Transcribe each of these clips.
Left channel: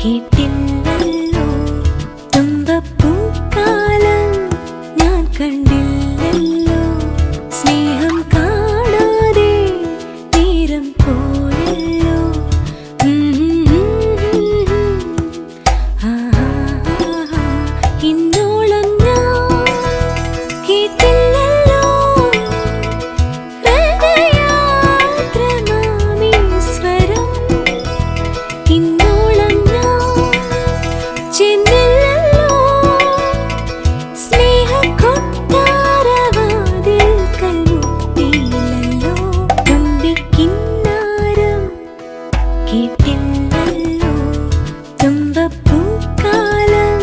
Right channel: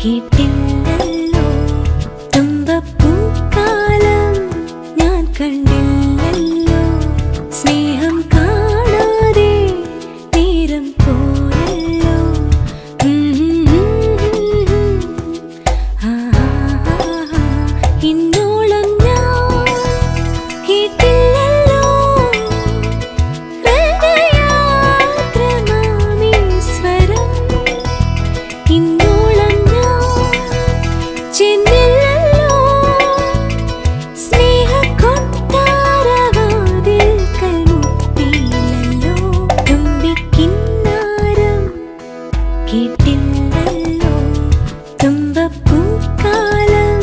കേട്ടില്ലല്ലോ തുമ്പപ്പൂക്കാലം ഞാൻ കണ്ടില്ലല്ലോ സ്നേഹം കാണാതെ നേരം പോയല്ലോ ഇന്നോളം ഞാൻ കേട്ടില്ലല്ലോ ഹൃദയാർദ്രമാമീശ്വരം ഇന്നോളം ഞാൻ ചെന്നില്ലല്ലോ സ്നേഹക്കൊട്ടാരവാതിൽക്കൽ മുട്ടിയില്ലല്ലോ തുമ്പിക്കിന്നാരം കേട്ടില്ലല്ലോ തുമ്പപ്പൂക്കാലം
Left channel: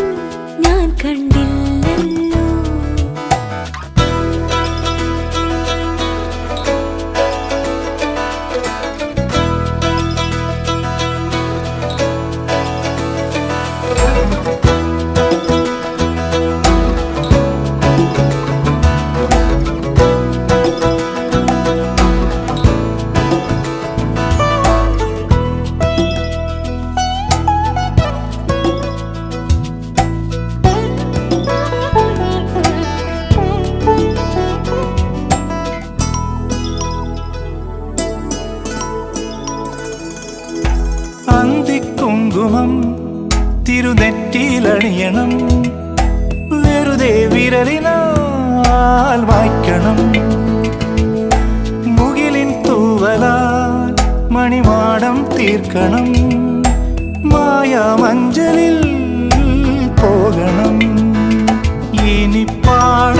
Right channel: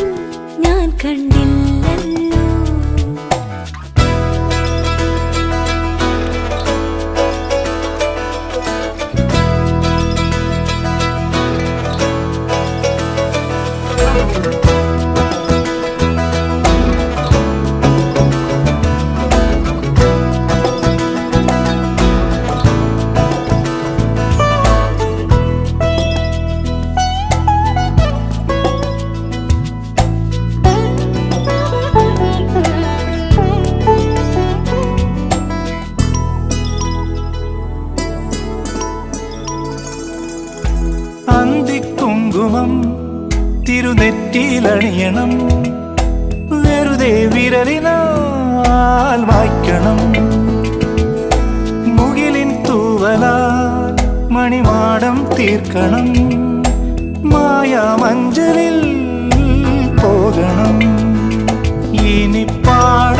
ഞാൻ കണ്ടില്ലല്ലോ. അന്തിക്കുങ്കുമം തിരുനെറ്റിയിലണിയണം വെറുതെ വിരലിനാൽ മായ്ക്കണം മുകിലിൻ തൂവലാൽ മണിമാടം തീർക്കണം മായാമഞ്ചലിൽ പോകണം ഇനി പാടാമെന്നും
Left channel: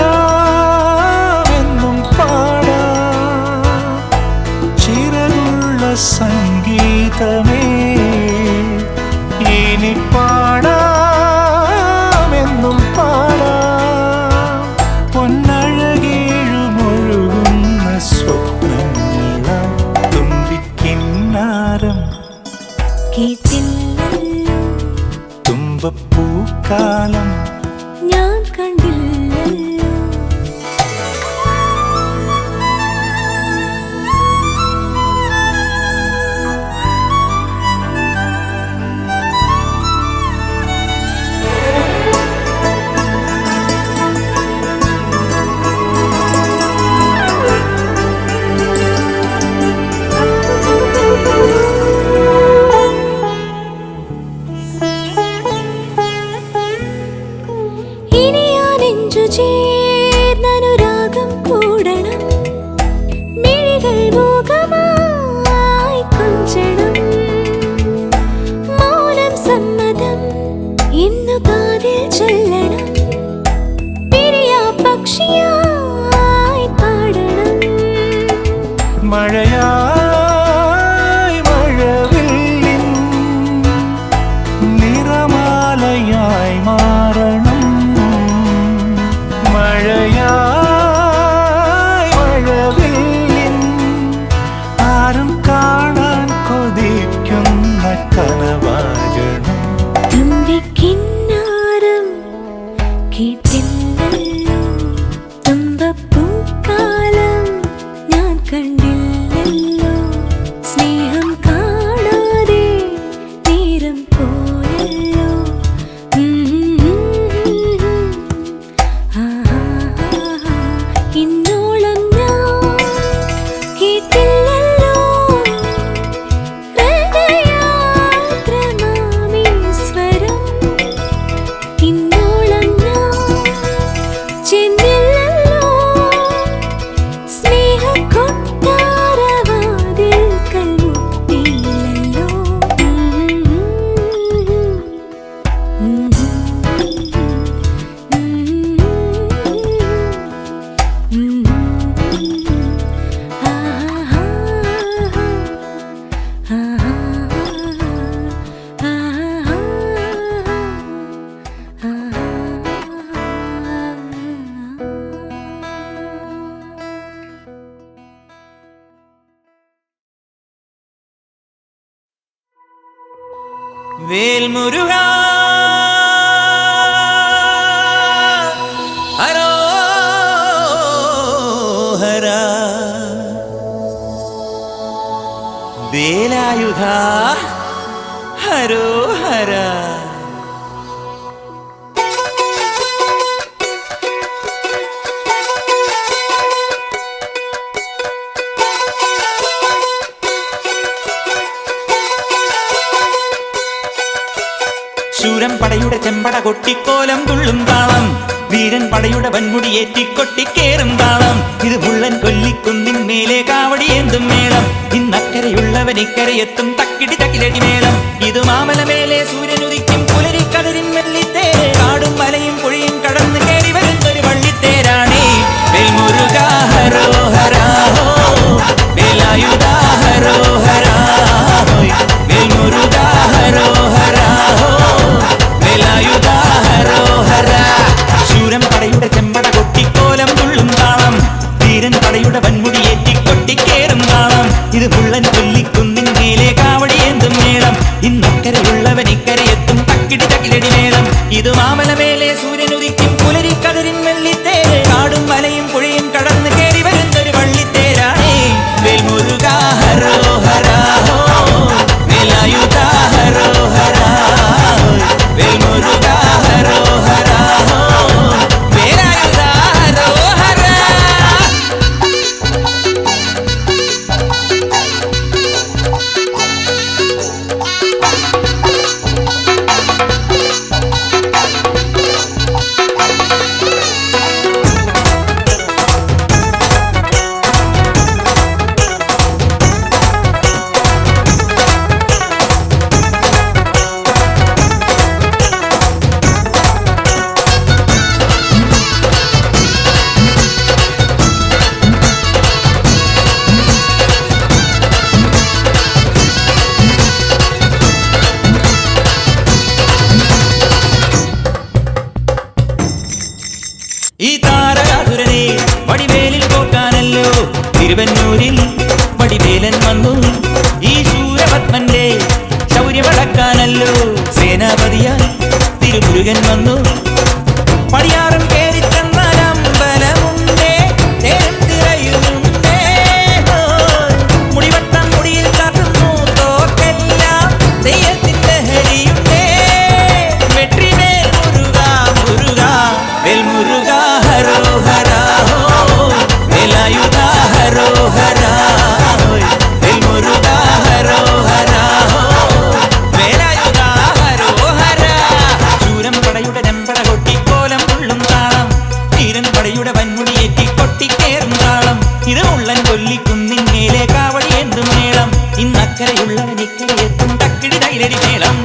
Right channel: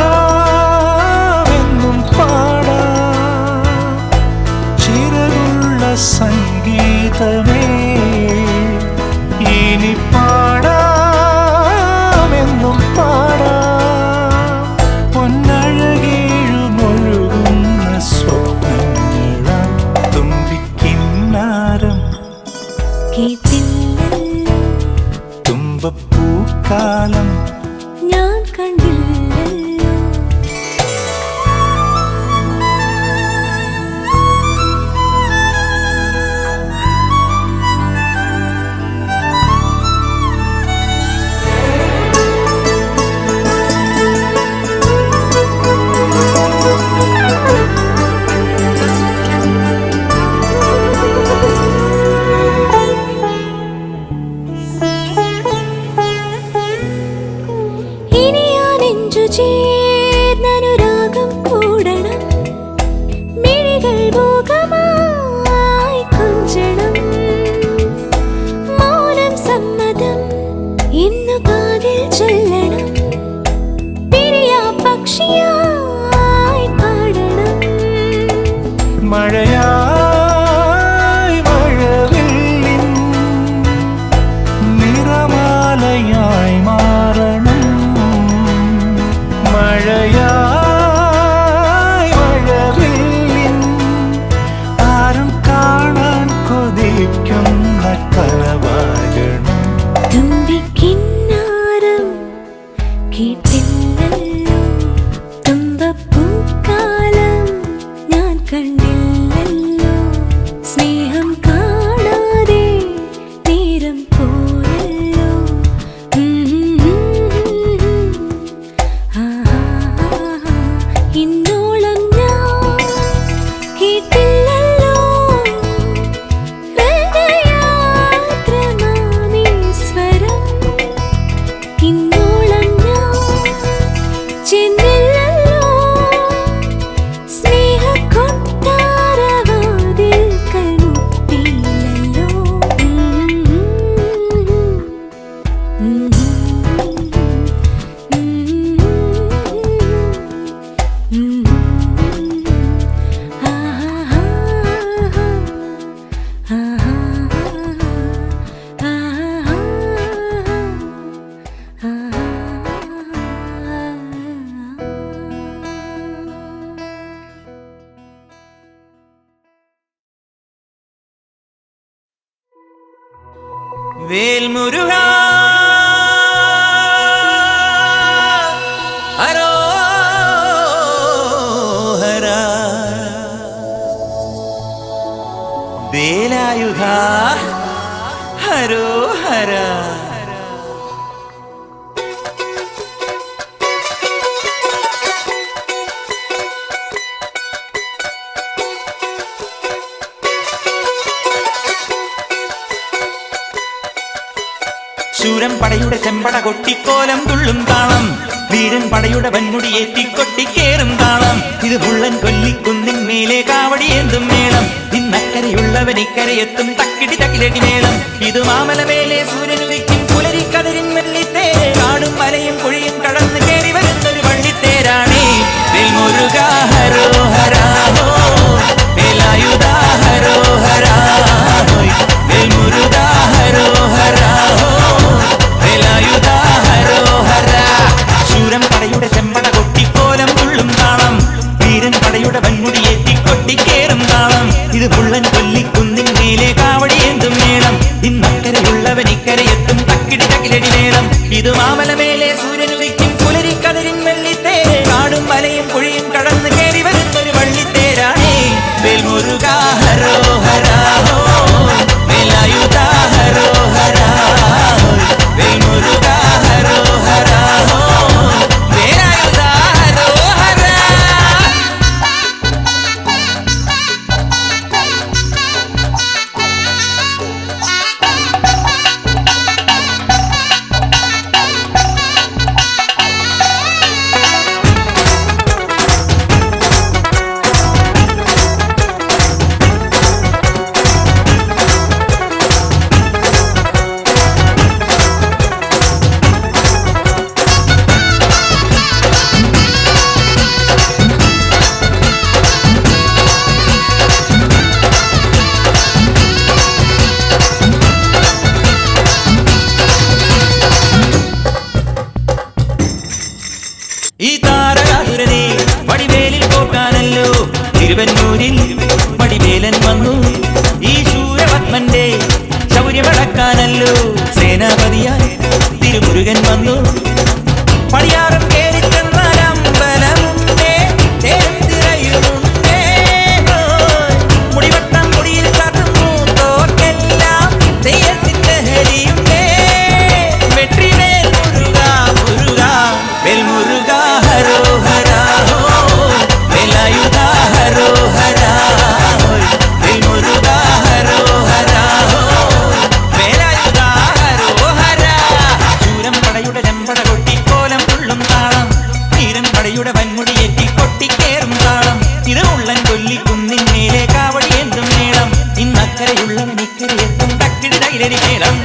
പാടാം ചിറകുള്ള സംഗീതമേ ഇനി പാടാമെന്നും പാടാം പൊന്നഴകേഴുമൊഴുകുന്ന സ്വപ്നങ്ങളായി തുമ്പിക്കിന്നാരം കേട്ടില്ലല്ലോ തുമ്പപ്പൂക്കാലം ഞാൻ കണ്ടില്ലല്ലോ. ചേർന്നനുരാഗം കൂടണം മിഴികൾ മൂകമായി കൊഞ്ചണം മൗനം സമ്മതം ഇന്നു കാതിൽ ചൊല്ലണം പിരിയാ പക്ഷിയായി പാടണം മഴയായി മഴവില്ലിൻ നിറമാലയായി മാറണം മഴയായി മഴവില്ലിൻ ആരും കാണാൻ കൊതിക്കുന്ന കനവാകണം തുമ്പിക്കിന്നാരം കേട്ടില്ലല്ലോ തുമ്പപ്പൂക്കാലം ഞാൻ കണ്ടില്ലല്ലോ സ്നേഹം കാണാതെ നേരം പോയല്ലോ ഇന്നോളം ഞാൻ കേട്ടില്ലല്ലോ ഹൃദയാർദ്രമാമീശ്വരം ഇന്നോളം ഞാൻ ചെന്നില്ലല്ലോ സ്നേഹക്കൊട്ടാരവാതിൽക്കൽ മുട്ടിയില്ലല്ലോ വേൽമുരുകാ ഹരോഹരാ വേലായുധാ ഹരോഹര. ശൂരൻ പടയുടെ ചെമ്പട കൊട്ടിക്കോലം തുള്ളും താളം, വീരൻ പടയുടെ വൻമുടി ഏറ്റിക്കൊട്ടിക്കേറും താളം. ഇത് മുള്ളൻ കൊല്ലിക്കുന്നിൻ മേലെ കാവടിയേന്തും മേളം. ഇന്നക്കരയുള്ളവൻ ഇക്കരയെത്തും തക്കിടി തക്കിലടി മേളം. ഇത് മാമലമേലെ സൂര്യനുദിക്കും പുലരിക്കതിരിൻ വെള്ളിത്തേര്. കാടും മലയും പുഴയും കടന്ന് കയറി വരുന്നൊരു വള്ളിത്തേരാണേ. വേൽമുരുക ഹരോഹരാഹോ, വേലായുധാ ഹരോഹരാഹോയ്. വേൽമുരുക ഹരോഹരാഹോ, വേലായുധാ ഹരോഹര. ശൂരൻ പടയുടെ ചെമ്പട കൊട്ടിക്കോലം തുള്ളും താളം, വീരൻ പടയുടെ വൻമുടി ഏറ്റിക്കൊട്ടിക്കേറും താളം. ഇത് മുള്ളൻ കൊല്ലിക്കുന്നിൻ മേലെ കാവടിയേന്തും മേളം. ഇന്നക്കരയുള്ളവൻ ഇക്കരയെത്തും തക്കിടി തകിലടി മേളം. ഇത് മാമലമേലെ സൂര്യനുദിക്കും പുലരിക്കതിരിൻ വെള്ളിത്തേര്. കാടും മലയും പുഴയും കടന്ന് കയറി വരുന്നൊരു വള്ളിത്തേരാണേ. വേൽമുരുക ഹരോഹരാഹോ, വേലായുധാ ഹരോഹരാഹോയ്. വേൽമുരുക ഹരോഹരാഹോ, വേലായുധാ ഹരോഹര. ഈ താരകാസുരനെ വടിവേലിൽ കോർക്കാനല്ലോ തിരുവന്നൂരിൽ വടിവേലൻ വന്നു. ഈ ശൂരപത്മന്റെ ശൗര്യമടക്കാനല്ലോ സേനാപതിയായി തിരുമുരുകൻ വന്നു. പടിയാറും കേറിച്ചെന്നാൽ അമ്പലമുണ്ടേ, തേരും തിരയുമുണ്ടേ. മുടിവട്ടം മുടിയിൽ കാട്ടുന്നു തോർക്കെല്ലാം തെയ്യത്തിന്റെ ഹരിയുണ്ടേ. വെട്രിവേൽ മുരുക മുരുക, വേൽമുരുക ഹരോഹരാഹോ, വേലായുധാ ഹരോഹരാഹോയ്. വേൽമുരുക ഹരോഹരാഹോ, വേലായുധാ ഹരോഹര. ശൂരൻ പടയുടെ ചെമ്പട കൊട്ടിക്കോലം തുള്ളും താളം, വീരൻ പടയുടെ വൻമുടി ഏറ്റിക്കൊട്ടിക്കേറും താളം. ഇത് മുള്ളൻ കൊല്ലിക്കുന്നിൻ മേലെ കാവടിയേന്തും മേളം. ഇന്നക്കരയുള്ളവൻ ഇക്കരയെത്തും തക്കിടി തകിലടി മേളം.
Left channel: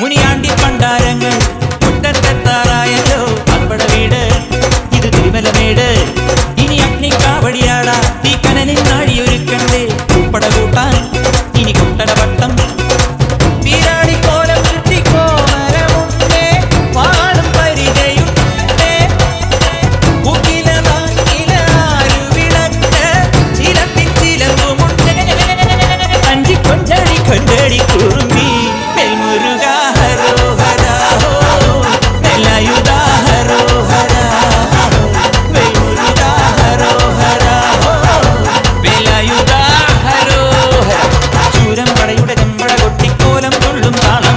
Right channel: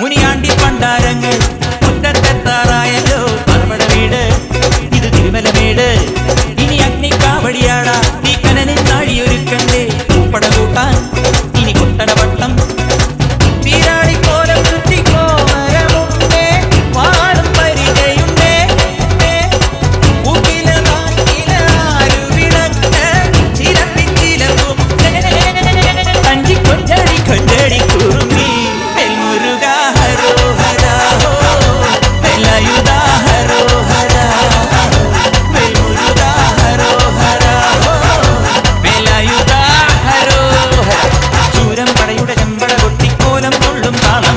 മുനിയാണ്ടി പണ്ടാരങ്ങൾ മുറ്റത്തെത്താറായല്ലോ. അറുപട വീട് ഇത് തിരുമലമേട്. ഇനി അഗ്നിക്കാവടിയാടാ തീക്കനനിൻ നാഴിയൊരുക്കണ്ടേ. പൂപ്പട കൂട്ടാൻ ഇനി കൊട്ടടവട്ടം. വീരാടിക്കോലം ചുറ്റിക്കോമരമുണ്ടേ, വാടും പരിചയുണ്ടേ. ഉകില നാട്ടില ആരുവിളക്ക് ചിലമ്പിൻ ചിലമ്പുമുണ്ടേ. അഞ്ചി കൊഞ്ചടി കൊഞ്ചടി കുറുമ്പി. വേൽമുരുക ഹരോഹരാഹോ, വേലായുധാ ഹരോഹരാഹോ. വേൽമുരുക ഹരോഹരാഹോ, വേലായുധാ ഹരോഹര. ശൂരൻ പടയുടെ ചെമ്പട കൊട്ടിക്കോലം തുള്ളും താളം,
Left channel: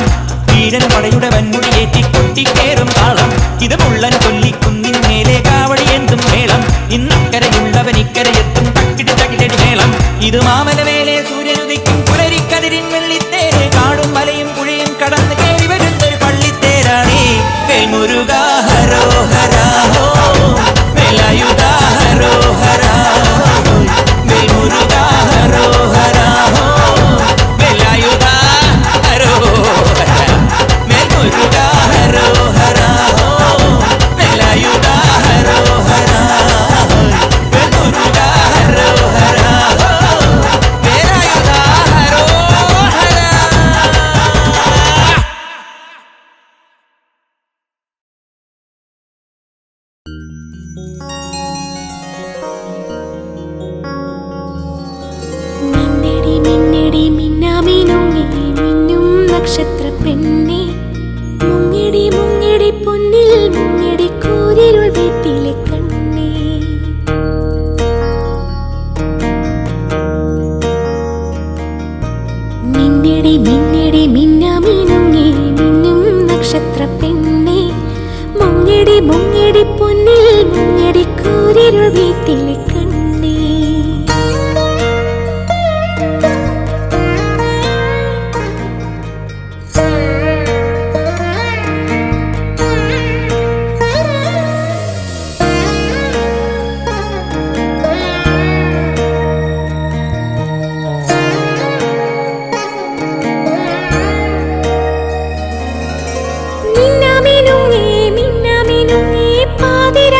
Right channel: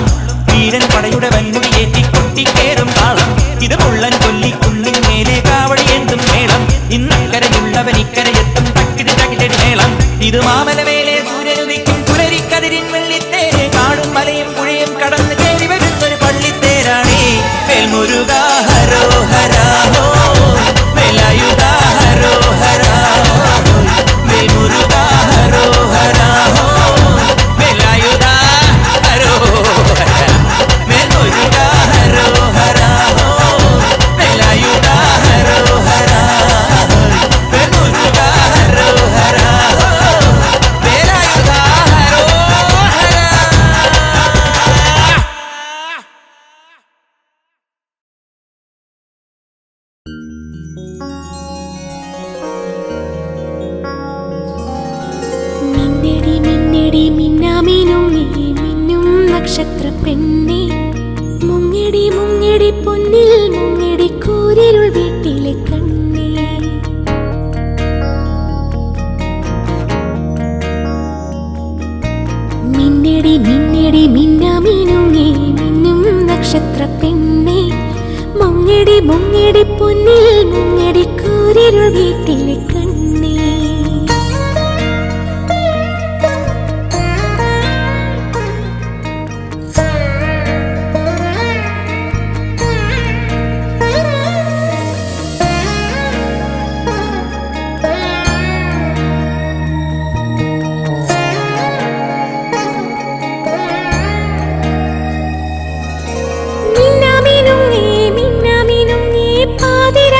വീരൻ പടയുടെ വൻമുടി ഏറ്റിക്കൊട്ടിക്കേറും താളം. ഇത് മുള്ളൻ കൊല്ലിക്കുന്നിൻ മേലെ കാവടിയേന്തും മേളം. ഇന്നക്കരയുള്ളവൻ ഇക്കരയെത്തും തക്കിടി തകിലടി മേളം. ഇത് മാമലമേലെ സൂര്യനുദിക്കും പുലരിക്കതിരിൻ വെള്ളിത്തേര്. കാടും മലയും പുഴയും കടന്ന് കയറി വരുന്നൊരു പള്ളിത്തേരാണേ. വേൽമുരുക ഹരോഹരാഹോ, വേലായുധാ ഹരോഹരാഹോയ്. വേൽമുരുക ഹരോഹരാഹോ, വേലായുധാ ഹരോഹര. വേൽമുരുക ഹരോഹരാഹോ, വേലായുധാ ഹരോഹരാഹോയ്. വേൽമുരുക ഹരോഹരാഹോ, നക്ഷത്ര പെണ്ണെ മുങ്ങിടി മുങ്ങിടി പൊന്നിൽ മുങ്ങിടി കൂരിരുൾ വീട്ടിലെ കണ്ണേ മിന്നിടി മിന്നിടി മിന്നാമിനുങ്ങി മിന്നും നക്ഷത്ര പെണ്ണെ മുങ്ങിടി മുങ്ങിടി പൊന്നിൽ മുങ്ങിടി കൂരിരുൾ വീട്ടിലെ കണ്ണേ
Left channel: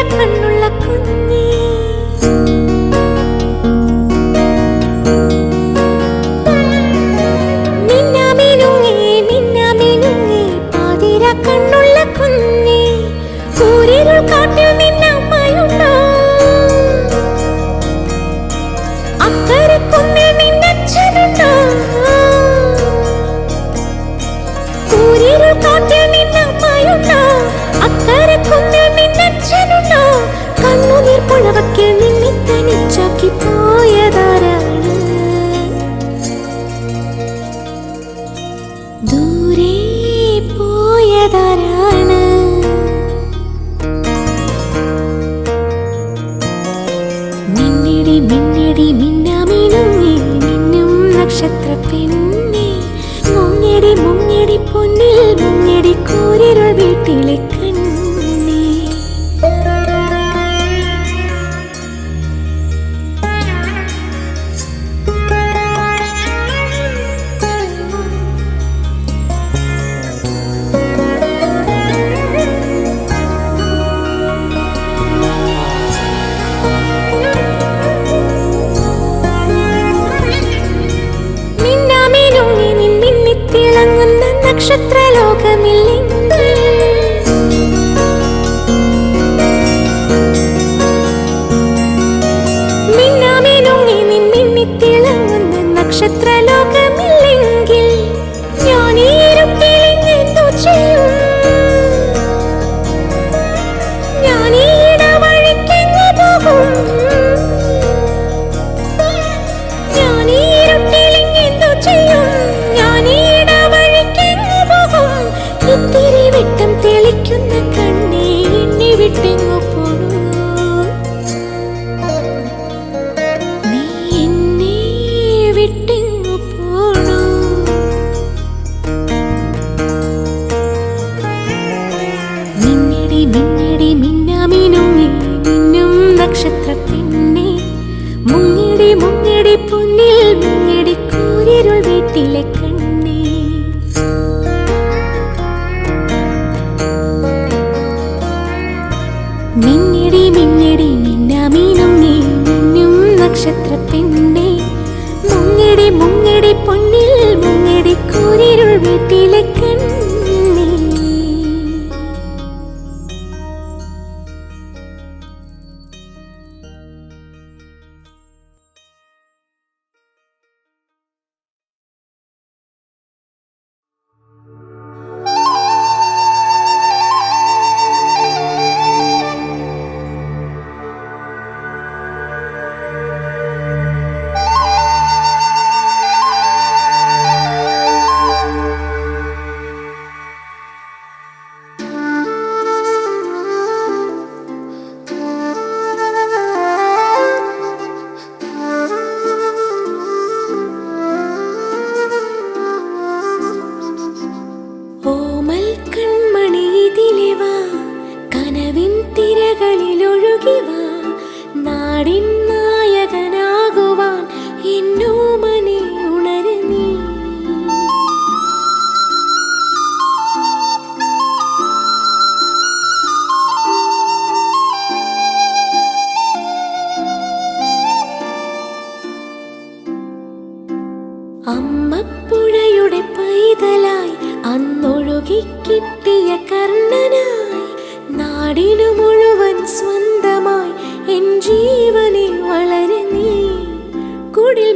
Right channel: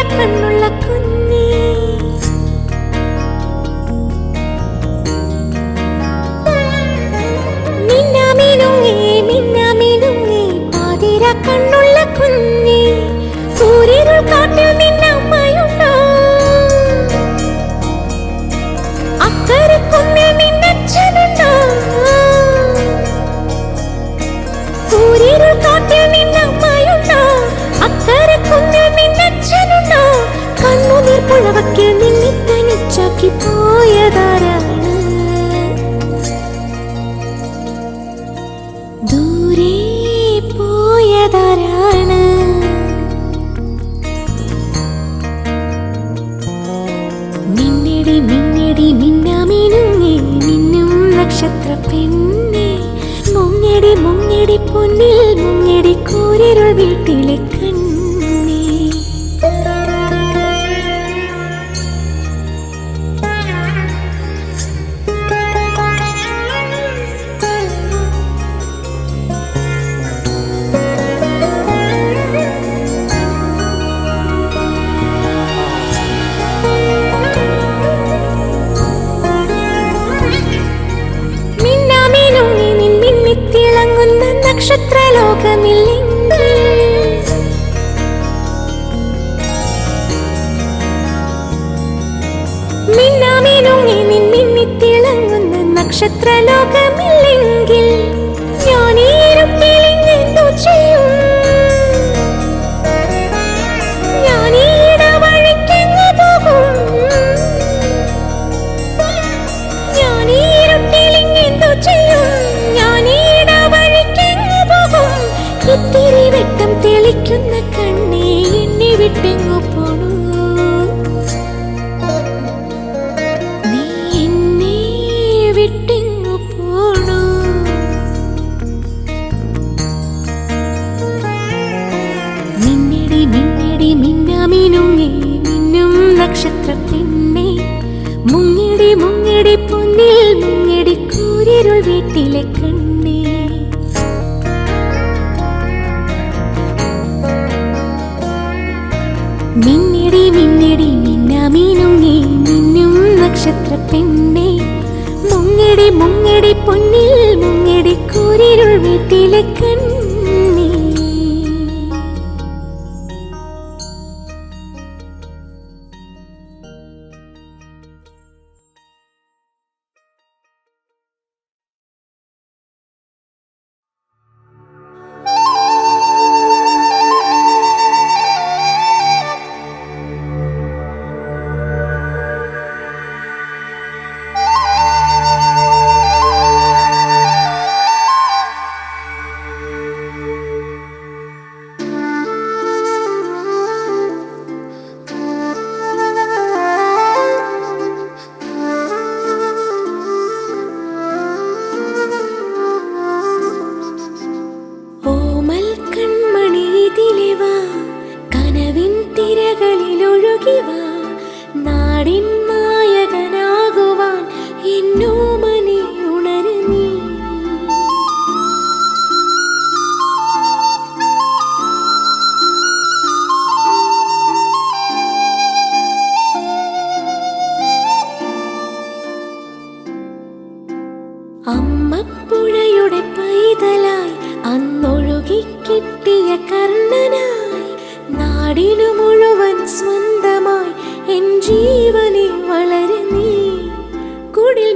കണ്ണുള്ള കുഞ്ഞേ മിന്നാമിനുങ്ങി പാതിര കണ്ണുള്ള കുഞ്ഞേ സൂര്യരുൾ കാട്ടിൽ നിന്നമ്മയുണ്ടോ അക്കരെ കുന്നിൽ നിന്നച്ഛനുണ്ടോ സൂര്യരുൾ കാട്ടിൽ നിന്നമ്മയുണ്ടോ അക്കരെ കുന്നിൽ നിന്നച്ഛനുണ്ടോ കണ്ണുനീർ പുഴവക്കിൽ നിന്നെ തനിച്ചാക്കി പോയതാരാണ് ദൂരെ പോയതാരാണ് മിന്നിടി മിന്നിടി മിന്നാമിനുങ്ങി മിന്നും നക്ഷത്ര പെണ്ണെ മുങ്ങിടി മുങ്ങിടി പൊന്നിൽ മുങ്ങിടി കൂരിരുൾ വീട്ടിലെ കണ്ണേ മിന്നാമിനുങ്ങി നിൻ മിന്നിത്തിളങ്ങുന്ന നക്ഷത്രലോകമില്ലെങ്കിൽ മിന്നാമിനുങ്ങി നിൻ മിന്നിത്തിളങ്ങുന്ന നക്ഷത്രലോകമില്ലെങ്കിൽ ഞാൻ ഈ ഇരുട്ടിൽ എന്തോ ചെയ്യും ഞാൻ ഈ ഇടവഴിക്കെങ്ങു പോകും ഞാൻ ഈ ഇരുട്ടിൽ എന്തോ ചെയ്യും ഞാൻ ഈ ഇടവഴിക്കെങ്ങു പോകും ഇത്തിരി വെട്ടം തെളിക്കുന്ന കണ്ണേ എന്നെ വിട്ടെങ്ങു പോണു നീ എന്നെ വിട്ടെങ്ങു പോണു മിന്നിടി മിന്നിടി മിന്നാമിനുങ്ങി മിന്നും നക്ഷത്ര പെണ്ണെ മുങ്ങിടി മുങ്ങിടി പൊന്നിൽ മുങ്ങിടി കൂരിരുൾ വീട്ടിലെ കണ്ണേ മിന്നിടി മിന്നിടി മിന്നാമിനുങ്ങി മിന്നും നക്ഷത്ര പെണ്ണെ മുങ്ങിടി മുങ്ങിടി പൊന്നിൽ മുങ്ങിടി കൂരിരുൾ വീട്ടിലെ കണ്ണേ നാടിൻ നായകനാകുവാൻ എന്നോമനെ ഉണരുന്നീ അമ്മപ്പുഴയുടെ പൈതലായി അന്നൊഴുകി കിട്ടിയ കർണനായി നാടിനു മുഴുവൻ സ്വന്തമായി എൻ ജീവനെ വളരുന്നീ കുടിൽ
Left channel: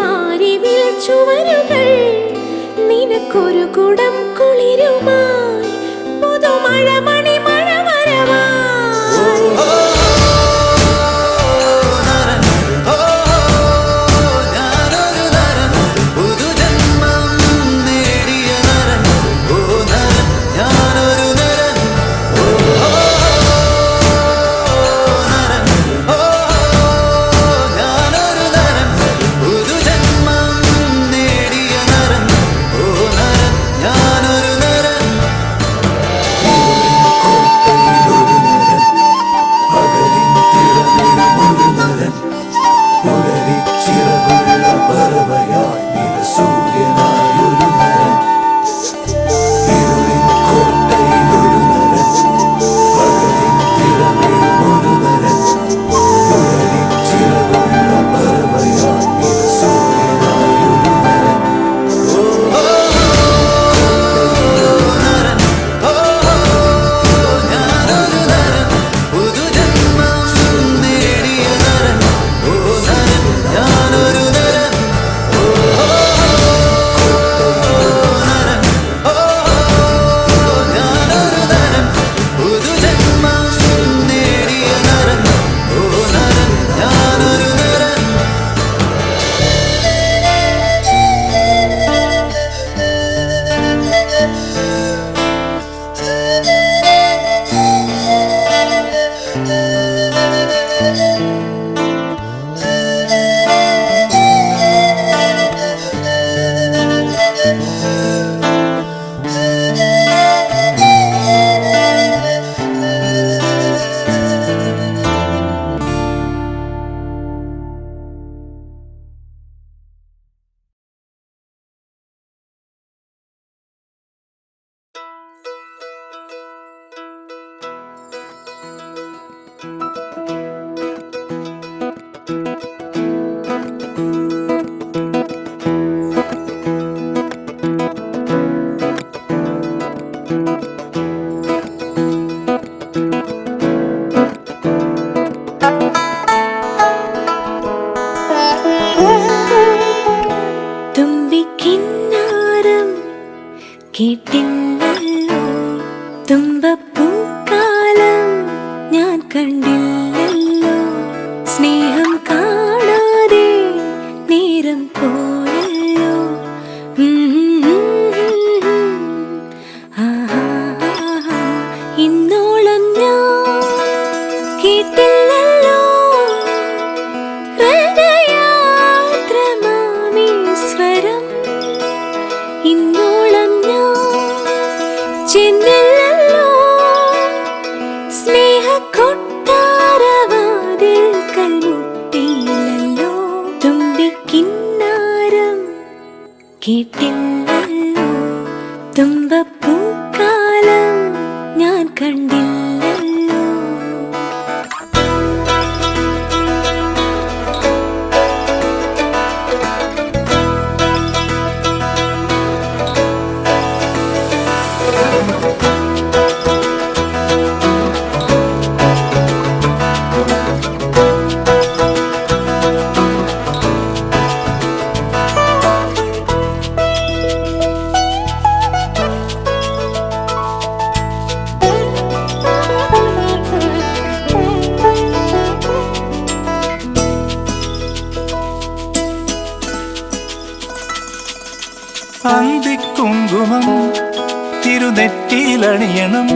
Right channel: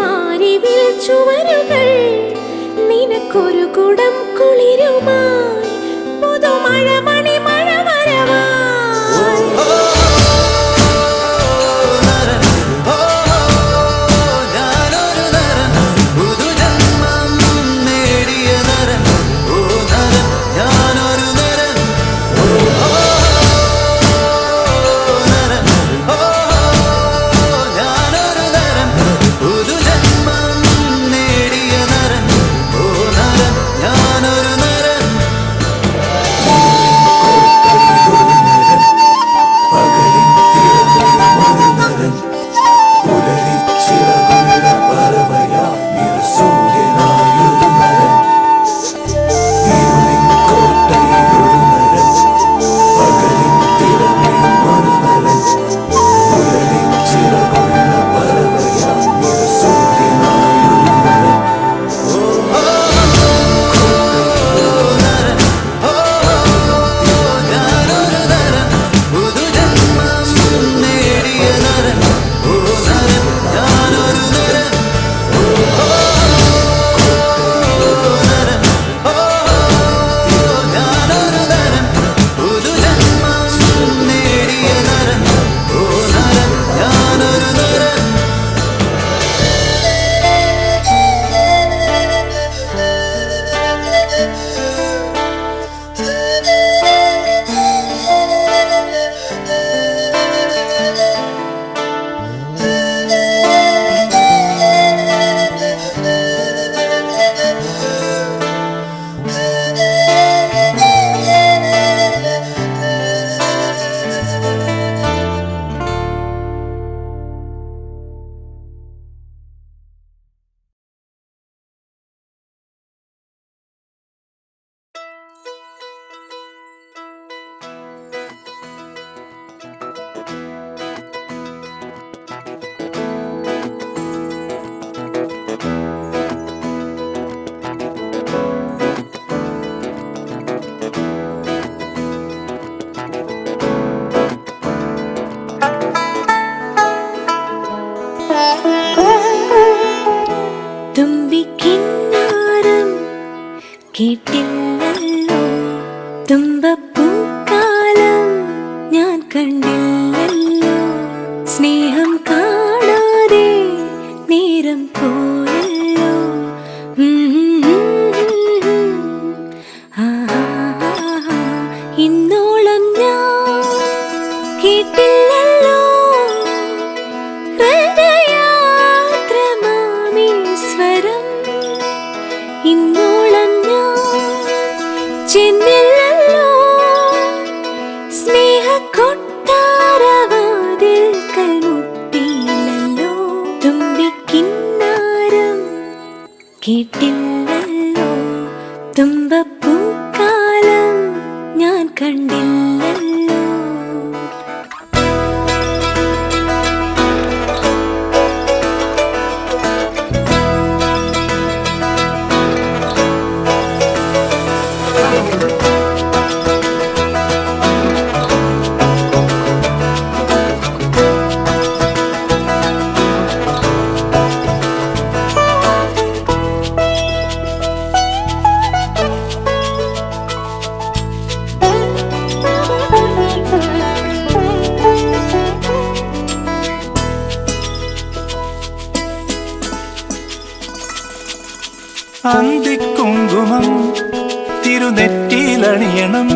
മാരിവിൽ ചുവരുകൾ നിനക്കൊരു കുടം കുളിരുമായി പുതുമഴ മണിമഴ വരവായി തുമ്പിക്കിന്നാരം കേട്ടില്ലല്ലോ തുമ്പപ്പൂക്കാലം ഞാൻ കണ്ടില്ലല്ലോ സ്നേഹം കാണാതെ നേരം പോയല്ലോ ഇന്നോളം ഞാൻ കേട്ടില്ലല്ലോ ഹൃദയാദ്രമാമീശ്വരം ഇന്നോളം ഞാൻ ചെന്നില്ലല്ലോ സ്നേഹക്കൊട്ടാരവാതിൽക്കൽ മുട്ടിയില്ലല്ലോ തുമ്പിക്കിന്നാരം കേട്ടില്ലല്ലോ തുമ്പപ്പൂക്കാലം ഞാൻ കണ്ടില്ലല്ലോ അന്തിക്കുങ്കുമം തിരുനെറ്റിയിലണിയണം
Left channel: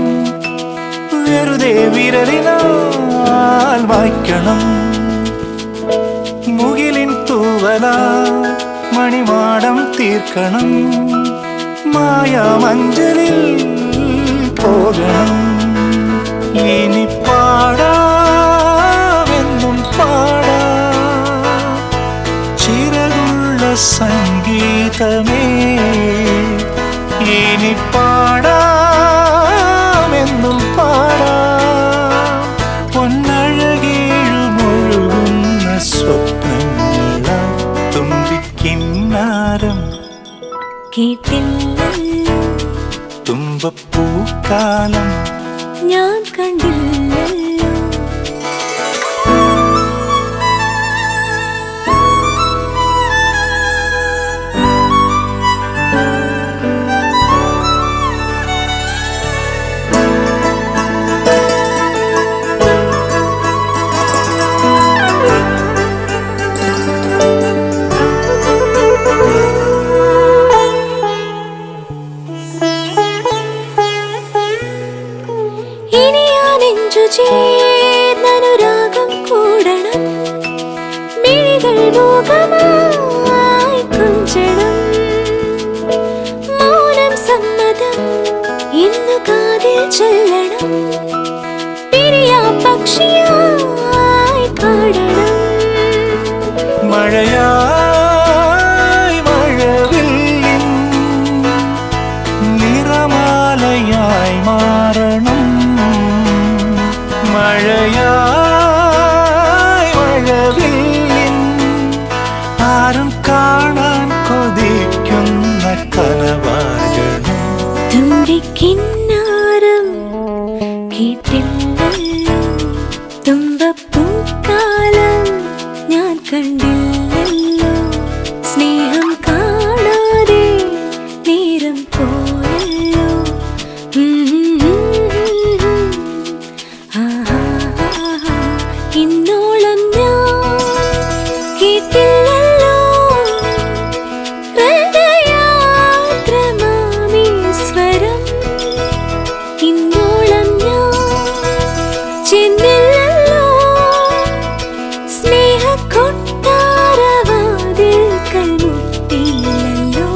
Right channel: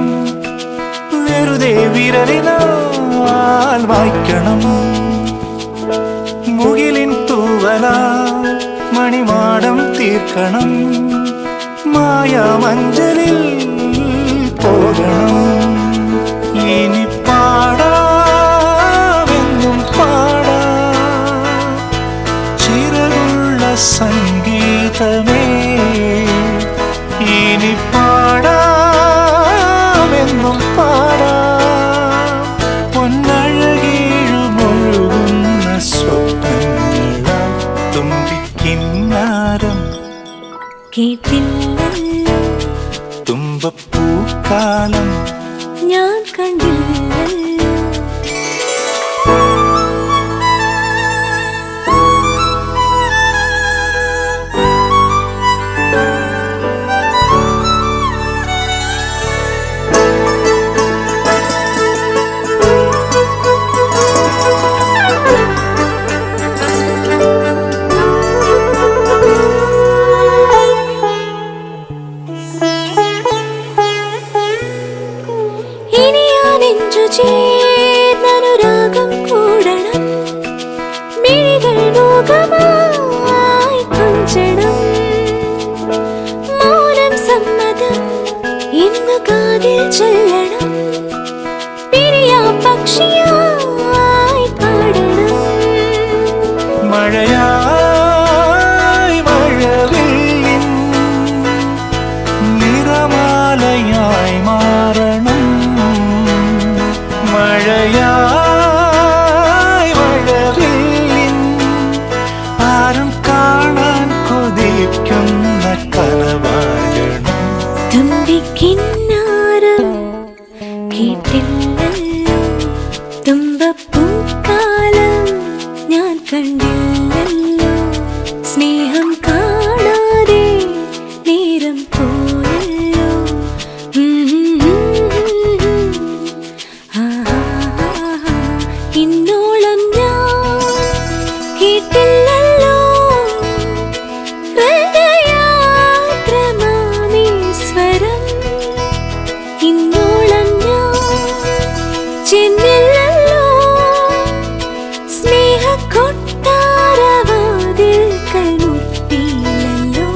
വെറുതെ വിരലിനാൽ വായിക്കണം മുകിലിൻ തൂവലാൽ മണിമാടം തീർക്കണം മായാമഞ്ചലിൽ പോകണം ഇനി പാടാമെന്നും പാടാം ചിറകുള്ള സംഗീതമേ ഇനി പാടാമെന്നും പാടാം പൊന്നഴകേഴുമൊഴുകുന്ന സ്വപ്നങ്ങളായി തുമ്പിക്കിന്നാരം കേട്ടില്ലല്ലോ തുമ്പപ്പൂക്കാലം ഞാൻ കണ്ടില്ലല്ലോ ചേർന്നനുരാഗം കൂടണം മിഴികൾ മുഖമായി കൊഞ്ചണം മൗനം സമ്മതം ഇന്നു കാതിൽ ചൊല്ലണം പിരിയാ പക്ഷിയായി പാടണം മഴയായി മഴവില്ലിൻ നിറമാലയായി മാറണം മഴയായി മഴവില്ലിൻ ആരും കാണാൻ കൊതിക്കുന്ന കനവാകണം തുമ്പിക്കിന്നാരം കേട്ടില്ലല്ലോ തുമ്പപ്പൂക്കാലം ഞാൻ കണ്ടില്ലല്ലോ സ്നേഹം കാണാതെ നേരം പോയല്ലോ ഇന്നോളം ഞാൻ കേട്ടില്ലല്ലോ ഹൃദയാദ്രമാമീശ്വരം ഇന്നോളം ഞാൻ ചെന്നില്ലല്ലോ സ്നേഹക്കൊട്ടാരവാതിൽ കൽമുട്ടിയില്ലല്ലോ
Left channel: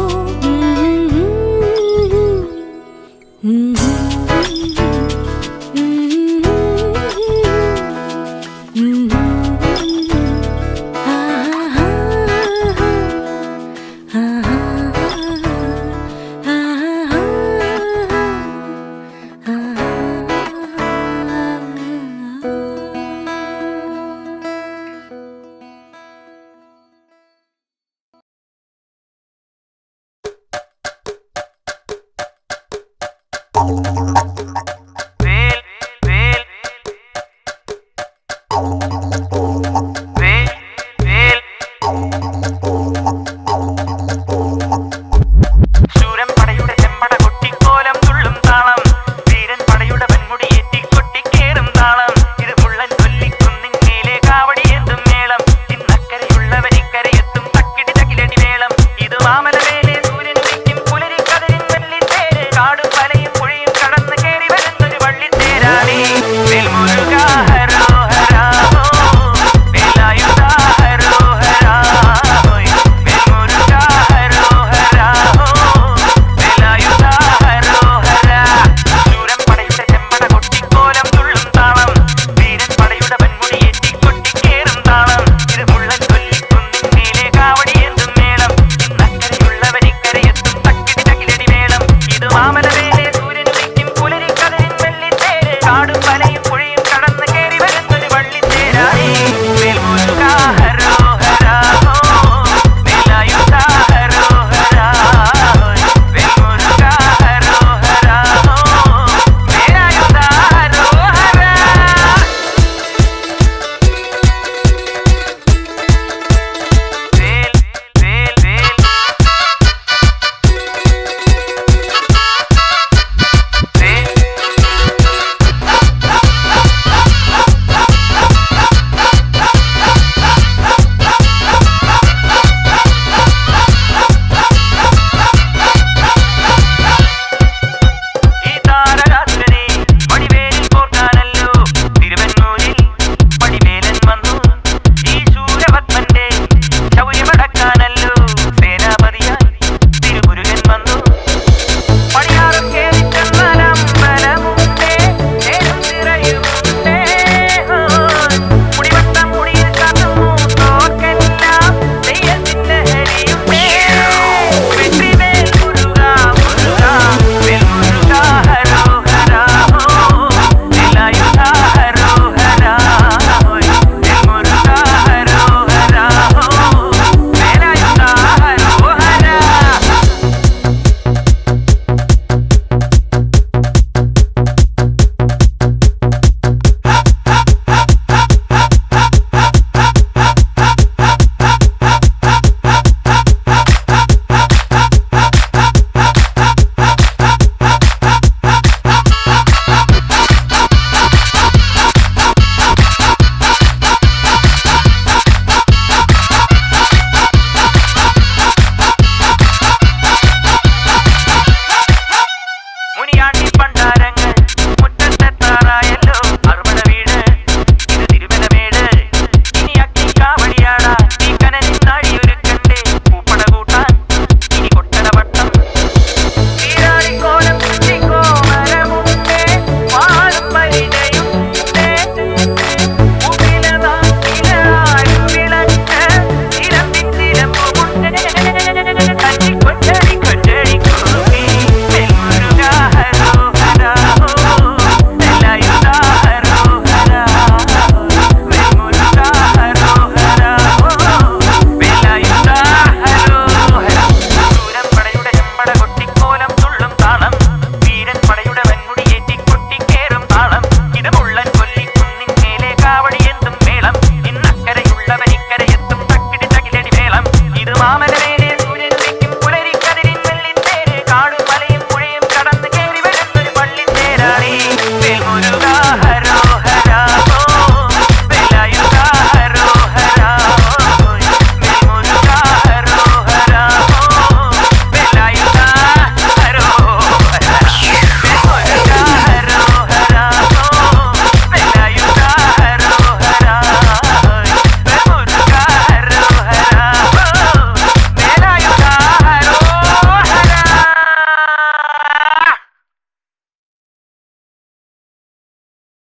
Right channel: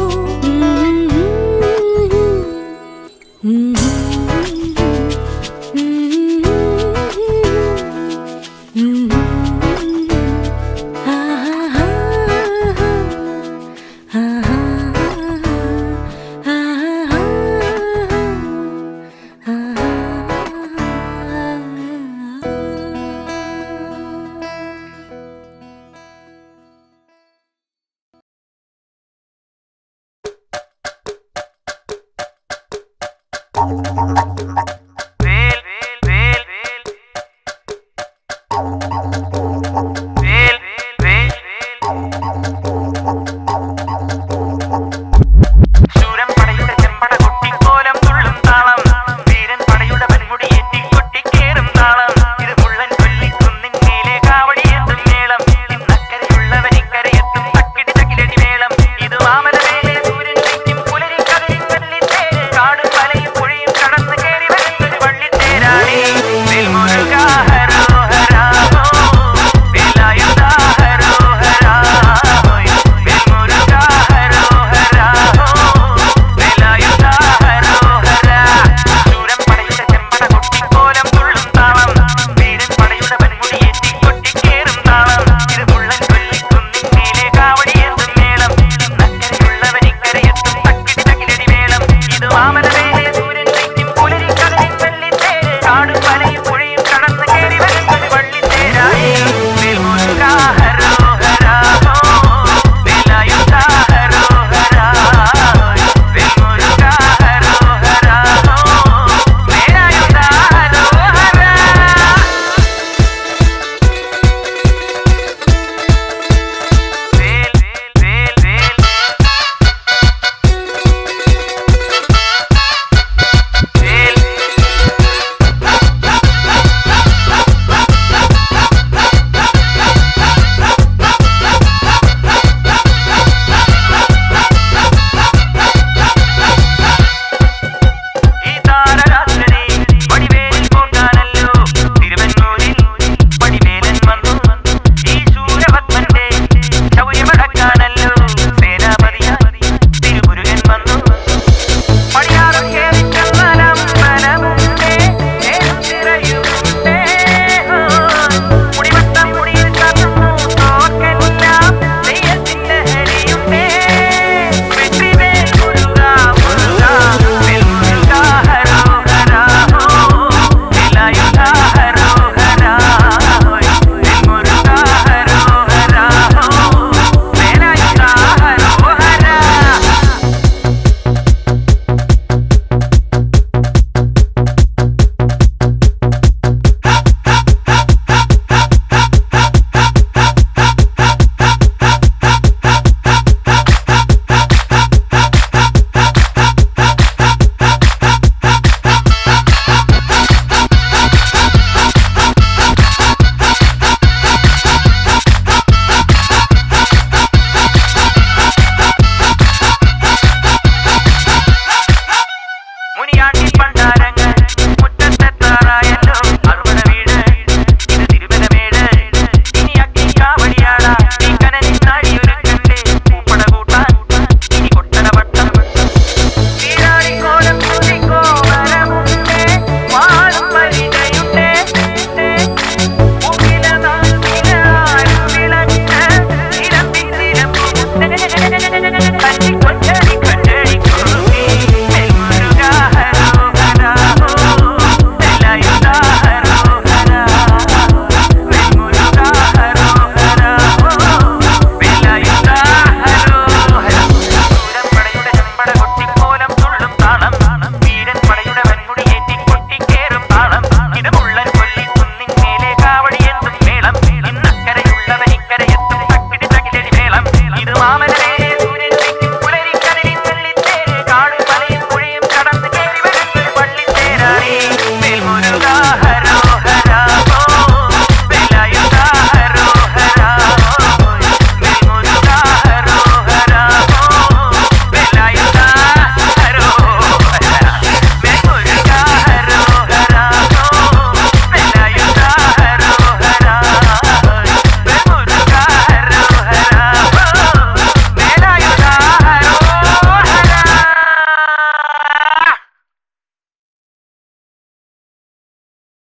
മുനിയാണ്ടി പണ്ടാരങ്ങൾ